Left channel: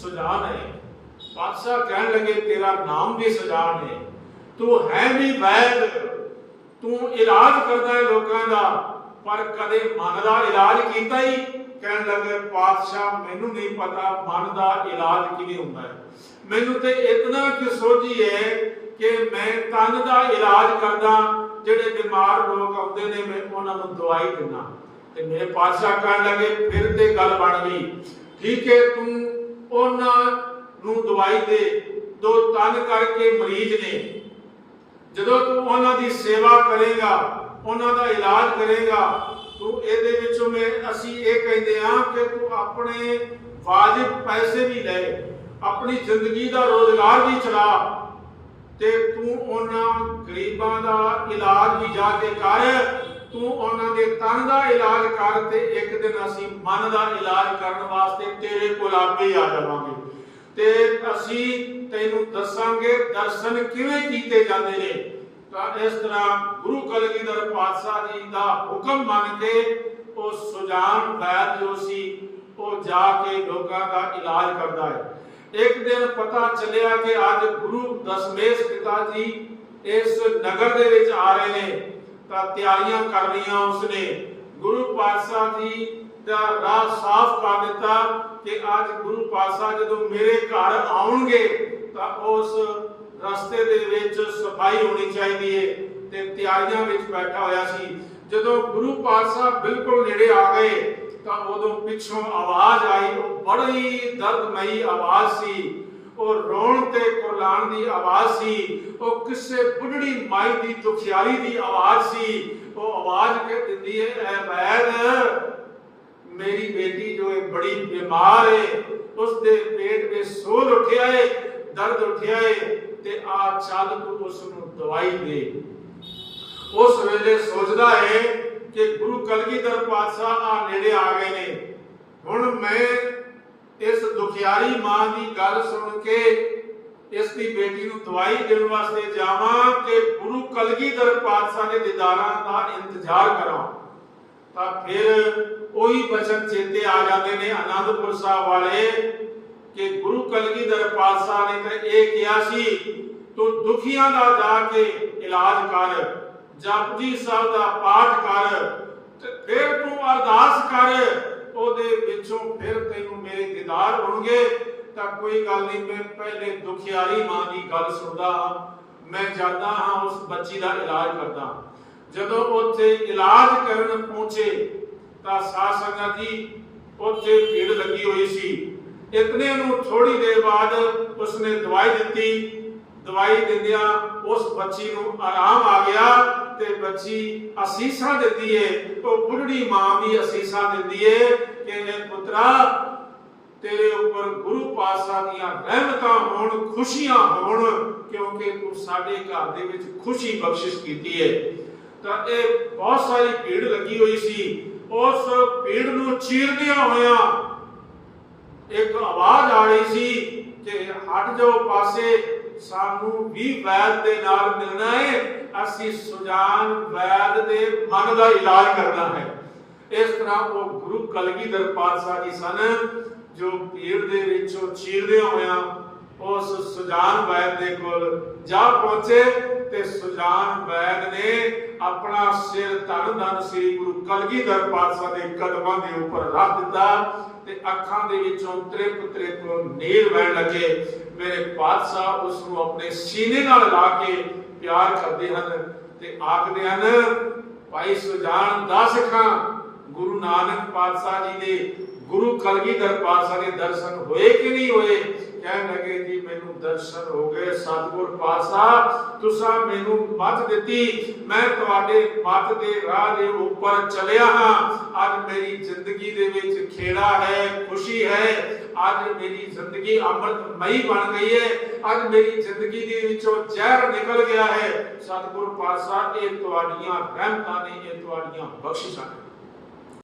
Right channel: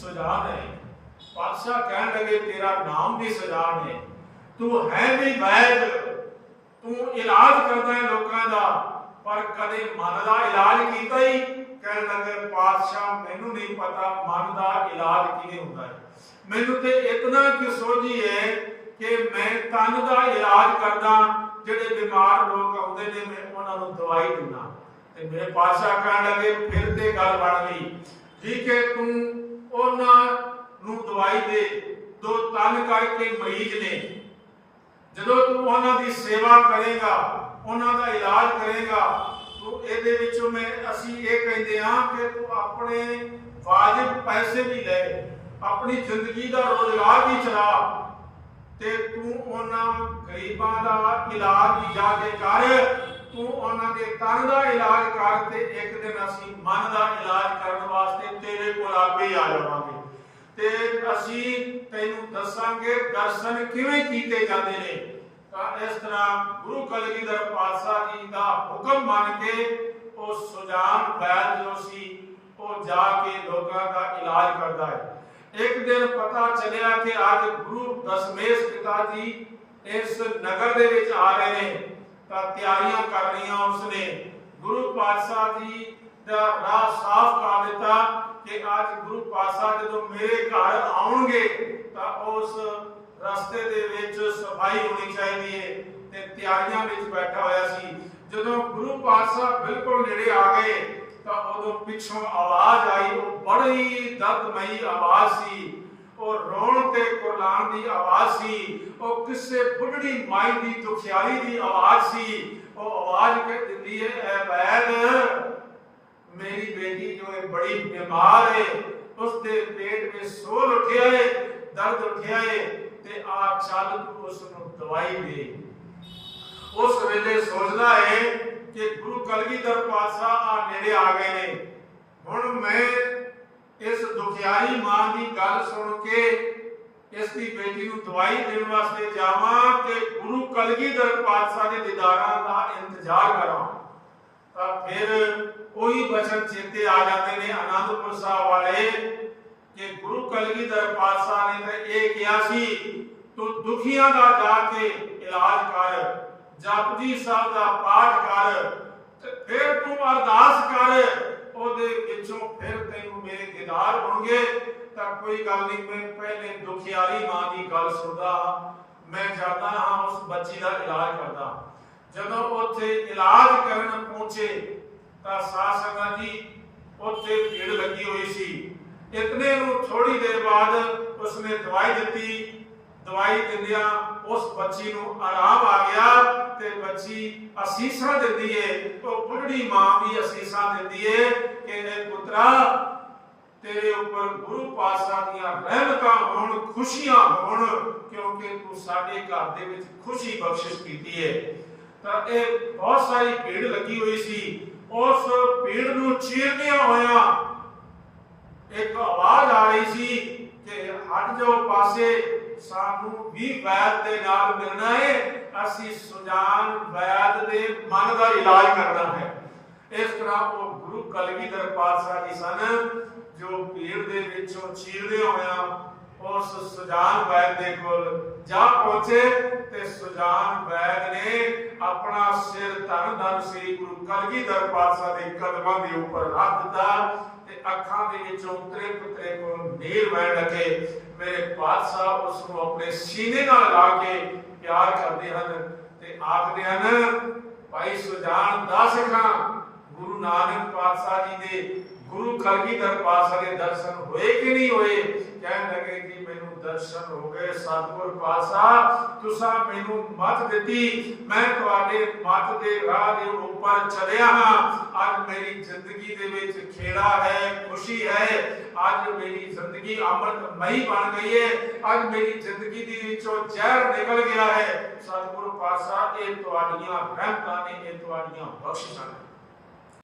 ਸੁਜਾਨ ਹੈ ਪਾਤਸ਼ਾਹ ਕਹਿਣ ਲੱਗੇ, ਤੇਰਾ ਨਾਮ ਵੀ ਸੁਜਾਨ ਹੈ ਤੂੰ ਹੈ ਵੀ ਵੈਦ। ਤੂੰ ਇਲਾਜ ਕਰਦਾ ਹੈ ਲੋਕਾਂ ਦਾ। ਪਰ ਕਦੇ ਮਨ ਦਾ ਇਲਾਜ ਕੀਤਾ ਹੀ ਕਹਿਣ ਲੱਗੇ, ਪਾਤਸ਼ਾਹ, ਮੈਨੂੰ ਨਹੀਂ ਪਤਾ ਮਨ ਦਾ ਇਲਾਜ ਕਿਵੇਂ ਹੁੰਦਾ ਹੈ। ਮੈਨੂੰ ਤੇ ਇਤਨਾ ਕਿ ਸੋਝੀ ਹੈ ਕਿ ਮੈਂ ਤਨ ਦਾ ਇਲਾਜ ਕਰਦਾ, ਜਿਹੜੇ ਬਿਮਾਰ ਲੋਕ ਆਉਂਦੇ ਨੇ, ਮੈਂ ਉਹਨਾਂ ਨੂੰ ਦਵਾਈ ਦਿੰਦਾ। ਤੇ ਮੇਰੇ ਪਾਤਸ਼ਾਹ ਕਹਿਣ ਲੱਗੇ, ਫਿਰ ਤੇ ਗੱਲ ਬਣ ਗਈ। ਠੀਕ ਹੈ, ਤੂੰ ਉਹਨਾਂ ਨੂੰ ਦਵਾਈ ਦੇ ਦੋ ਤਨ ਕਰਕੇ ਮਰੀਜ਼ ਨੇ। ਜਦੋਂ ਤੂੰ ਉਹਨਾਂ ਦੀ ਸੇਵਾ ਕਰੇਗਾ, ਉਹਨਾਂ ਦਾ ਇਲਾਜ ਕਰੇਗਾ, ਤੂੰ ਇਹਦੇ ਵਿੱਚੋਂ ਮੈਂ, ਅਸੀਂ ਇਹ ਕਹਿੰਦੇ ਹਾਂ ਕਿ ਤੂੰ ਆਪਣੇ ਵਾਜਿਬ ਪੈਸੇ ਵੀ ਲੈ, ਆਪਣੀ ਜ਼ਿੰਦਗੀ ਦਾ ਰੋਜ਼ਗਾਰ ਵੀ ਚਲਾ ਤੇ ਤੂੰ ਉਹਨਾਂ ਗਰੀਬਾਂ ਦਾ ਇਲਾਜ ਵੀ ਜਾ ਕੇ ਕਰ। ਤੂੰ ਉਹਨਾਂ ਦੇ ਤਨ ਦਾ ਇਲਾਜ ਕਰ ਤੇ ਇੱਕ ਦਿਨ ਅਸੀਂ ਮਨ ਦਾ ਇਲਾਜ ਕਰਨ ਵਾਸਤੇ ਤੇਰੇ ਕੋਲ ਆਪੇ ਆ ਜਾਵਾਂਗੇ। ਤੇ ਅਸੀਂ ਤੈਨੂੰ ਦੱਸਾਂਗੇ ਦਰਸ਼ਨ ਕਿਵੇਂ ਕੀਤੇ ਜਾਂਦੇ ਨੇ। ਤਾਂ ਇਸ ਤਰ੍ਹਾਂ ਗੁਰੂ ਕਲਗੀਧਰ ਪਾਤਸ਼ਾਹ ਜੀ ਦਾ ਹੁਕਮ ਮੰਨ ਕੇ ਉਹ ਸੁਜਾਨ ਵੈਦ ਜੋ ਸੀ, ਉਹ ਜਾ ਕੇ ਲੋਕਾਂ ਦਾ ਇਲਾਜ ਕਰਦਾ ਹੈ। ਇੱਕ ਦਿਨ ਪਤਾ ਚੱਲਿਆ ਕਿ ਅੱਜ ਗੁਰੂ ਦਸ਼ਮੇਸ਼ ਪਿਤਾ ਜੀ ਇਸ ਨਗਰ ਦੇ ਵਿੱਚ ਆ ਰਹੇ ਨੇ। ਤਾਂ ਤਿਆਰੀਆਂ ਕਰ ਰਹੀਆਂ ਉਸਨੇ। ਗੁਰੂ ਪਾਤਸ਼ਾਹ ਜੀ ਦਾ ਰਾਹ ਸਾਫ਼ ਕਰ ਦਿੱਤਾ ਕਿ ਅੱਜ ਗੁਰੂ ਪਾਤਸ਼ਾਹ ਜਦੋਂ ਮੇਰੇ ਘਰ ਆਉਣਗੇ ਤਾਂ ਉਸ ਰਸਤੇ ਦੇ ਵਿੱਚ ਸਫ਼ਾਈ ਹੋਣੀ ਚਾਹੀਦੀ ਹੈ ਤੇ ਤਿਆਰੀਆਂ ਵਿੱਚ ਬੈਠਾ ਹੋਇਆ ਸੀ। ਜਦੋਂ ਗੁਰੂ ਪਾਤਸ਼ਾਹ ਬਿਲਕੁਲ ਨੇੜੇ ਆ ਗਏ ਤਾਂ ਉਦੋਂ ਪਿੱਛੋਂ ਆਵਾਜ਼ ਆਈ। ਉਹ ਬੜੀ ਦਰਦਮਈ ਆਵਾਜ਼ ਸੀ। ਉਹ ਰੋਣ ਤੇ ਕੁਰਲਾਣ ਦੀ ਆਵਾਜ਼ ਸੀ, ਉਹ ਕਿਸੇ ਬੁੱਢੜੀ ਮਾਈ ਦੀ ਦੁਖਿਆਰੀ ਦੀ ਆਵਾਜ਼ ਸੀ। ਉਹ ਆਵਾਜ਼ ਕਿ ਦਿੰਦੀ ਹੈ ਐ ਬੈਦ, ਮੇਰੀ ਬੇਟੀ ਜੋ ਹੈ ਬੜੀ ਬਿਮਾਰ ਹੈ ਉਸ ਦੇ ਪੇਟ ਵਿੱਚ ਸੋਲ ਉੱਠਿਆ ਹੈ ਦਰਦ ਉੱਠਿਆ ਹੈ ਤੇ ਆ ਚੱਲ ਉਸ ਨੂੰ ਦਵਾਈ ਦੇ। ਉਸ ਵੇਲੇ ਸੋਚਦਾ ਹੈ ਕਿ ਗੁਰੂ ਕਲਗੀਧਰ ਪਾਤਸ਼ਾਹ ਆ ਨੇੜੇ ਆ ਗਏ ਨੇ। ਹੁਣ ਮੈਂ ਇਸ ਦੁਖਿਆਰੀ ਮਾਂ ਦੀ ਗੱਲ ਸੁਣ ਕੇ ਇਸ ਦੀ ਬੇਟੀ ਨੂੰ ਦਵਾਈ ਦੇਣ ਵਾਸਤੇ ਜਾਵਾਂ ਕਿ ਗੁਰੂ ਕਲਗੀਧਰ ਪਾਤਸ਼ਾਹ ਦੇ ਦੀਦਾਰਾਂ ਦਾ ਇੰਤਜ਼ਾਰ ਕਰਾਂ, ਤਾਂ ਫਿਰ ਉਹੀ ਬਚਨ ਚੇਤੇ ਆ ਜਾਂਦੇ ਨੇ ਆਨੰਦਪੁਰ ਸਾਹਿਬ ਵਾਲੇ ਕਿ ਗੁਰੂ ਕਲਗੀਧਰ ਪਾਤਸ਼ਾਹ ਨੇ ਤਾਂ ਇਹ ਕਿਹਾ ਸੀ, ਤੂੰ ਦੁਖੀਆਂ ਦਾ ਜਾ ਕੇ ਇਲਾਜ ਕਰ, ਜਪਜੀ ਸਾਹਿਬ ਦਾ ਪਾਠ ਕਰ ਤੇ ਫਿਰ ਤੂੰ ਅਰਦਾਸ ਕਰ ਉਹਦੇ ਵਿੱਚੋਂ ਫਿਰ ਤੈਨੂੰ ਮੇਰੇ ਦੀਦਾਰ ਹੋਣਗੇ, ਤਾਂ ਕੋਈ ਗੱਲ ਨਹੀਂ, ਮੈਂ ਪਹਿਲੇ ਦੁਖਿਆਰੀ ਮਾਂ ਦੀ ਗੱਲ ਸੁਣਦਾ ਹਾਂ। ਮੈਂ ਜਾਂਦਾ ਹਾਂ, ਉਸ ਬੱਚੀ ਦਾ ਇਲਾਜ ਕਰਦਾ ਜਦੋਂ ਉੱਥੇ ਇਲਾਜ ਕਰਨ ਪਹੁੰਚੇ, ਤਾਂ ਸਾਧ ਸੰਗਤ ਜੀ, ਉੱਥੇ ਭੀੜ ਲੱਗੀ ਹੋਈ ਸੀ। ਇਤਨੇ ਨੂੰ ਥੋੜੀ ਦੇਰ ਬਾਅਦ ਉਸਨੇ ਦਵਾਈ ਦਿੱਤੀ। ਦਵਾਈ ਦਿੰਦਿਆਂ ਉਸ ਬੱਚੀ ਨੂੰ ਆਰਾਮ ਆ ਗਿਆ ਤੇ ਬੱਚੀ ਅਸੀਸਾਂ ਦਿੰਦੀ ਏ, ਉਹ ਬੁੱਢੜੀ ਮਾਂ ਵੀ ਅਸੀਸਾਂ ਦਿੰਦੀ ਏ। ਕਿ ਇਹ ਪੁੱਤਰਾ, ਤੇਰੇ ਉੱਪਰ ਗੁਰੂ ਪਾਤਸ਼ਾਹ ਦੀਆਂ ਰਹਿਮਤਾਂ ਹੋਣ, ਖੁਸ਼ੀਆਂ ਹੋਣ, ਕਿਉਂਕਿ ਤੂੰ ਸਾਡੇ ਘਰ ਦੇ ਵਿੱਚ ਖੁਸ਼ੀ ਬਖਸ਼ਿਸ਼ ਕੀਤੀ ਏ। ਤਾਂ ਇਹ ਬਹੁਤ ਸਾਰੀ ਭੀੜ ਲੱਗੀ ਹੋਈ ਸੀ। ਉਸ ਭੀੜ ਨੂੰ ਚੀਰਦਿਆਂ ਹੋਇਆਂ ਇੱਕ ਆਵਾਜ਼ ਆ ਰਹੀ ਸੀ ਕਿ ਹਟ ਜਾਓ ਪਾਸੇ, ਸਾਨੂੰ ਵੀ ਵੈਦ ਦੇ ਨਾਲ ਮਿਲਣਾ ਹੈ ਅਸੀਂ ਸੁਜਾਨ ਵੈਦ ਦੇ ਮਨ ਦਾ ਇਲਾਜ ਕਰਨਾ ਹੈ। ਇਸ ਤਰ੍ਹਾਂ ਉਹ ਗੁਰੂ ਕਲਗੀਧਰ ਪਾਤਸ਼ਾਹ ਜੀ ਸਨ, ਜੋ ਭੀੜ ਦੇ ਵਿੱਚੋਂ ਚੀਰਦੇ ਹੋਇਆਂ ਉਸ ਸੁਜਾਨ ਵੈਦ ਦੇ ਕੋਲ ਜਾ ਪਹੁੰਚੇ ਤੇ ਸੁਜਾਨ ਵੈਦ ਨੇ ਆਪਣਾ ਸਿਰ ਧੰਨ ਧੰਨ ਸ੍ਰੀ ਗੁਰੂ ਕਲਗੀਧਰ ਪਾਤਸ਼ਾਹ ਦੇ ਕਦਮਾਂ ਦੇ ਉੱਪਰ ਰੱਖ ਦਿੱਤਾ ਤੇ ਅੱਖਾਂ ਦੇ ਵਿੱਚੋਂ ਤ੍ਰਿਪ ਤ੍ਰਿਪ ਨੀਰ ਵਹਿਣ ਲੱਗੇ। ਮੇਰੇ ਪਾਤਸ਼ਾਹ ਉਸ ਨੂੰ ਆਪਣੇ ਸੀਨੇ ਨਾਲ ਲਾ ਕੇ ਪਿਆਰ ਕਰਦੇ ਹਨ ਤੇ ਆਖਦੇ ਹਨ, ਭਾਈ ਸੁਜਾਨ ਦਾ ਸਿੱਖਾਂ ਗੁਰੂ ਨਾਨਕ ਪਾਤਸ਼ਾਹ ਜੀ ਦੇ ਗੁਰੂ ਕਲਗੀਧਰ ਪਾਤਸ਼ਾਹ ਦੇ ਦਰਸ਼ਨ ਹੋਏ ਕਿ ਨਹੀਂ ਹੋਏ? ਕਹਿਣ ਲੱਗੇ ਜੀ ਮੈਨੂੰ ਦਰਸ਼ਨ ਹੋ ਗਏ। ਸਤਿਗੁਰ ਪਾਤਸ਼ਾਹ, ਤੁਸੀਂ ਮੈਨੂੰ ਮੱਤ ਦਿੱਤੀ। ਮੈਂ ਤੁਹਾਡੇ ਮੱਤ ਦੇ ਰਾਹ ਦੇ ਉੱਪਰ ਚੱਲਿਆ ਹਾਂ। ਅੱਜ ਮੇਰੀ ਜ਼ਿੰਦਗੀ ਦੇ ਵਿੱਚ ਖੇੜਾ ਹੈ, ਖੁਸ਼ੀ ਹੈ। ਅੱਜ ਮੇਰੀ ਜ਼ਿੰਦਗੀ ਅੰਮ੍ਰਿਤਮਈ ਬਣ ਗਈ ਹੈ। ਅੱਜ ਮੇਰੀ ਜ਼ਿੰਦਗੀ ਦੇ ਵਿੱਚੋਂ ਜ਼ਹਿਰ ਨਿਕਲ ਗਿਆ ਹੈ। ਸਤਿਗੁਰ ਪਾਤਸ਼ਾਹ, ਇਹ ਤੁਹਾਡੀਆਂ ਰਹਿਮਤਾਂ ਨੇ, ਇਹ ਤੁਹਾਡੀਆਂ ਬਖਸ਼ਿਸ਼ਾਂ ਨੇ।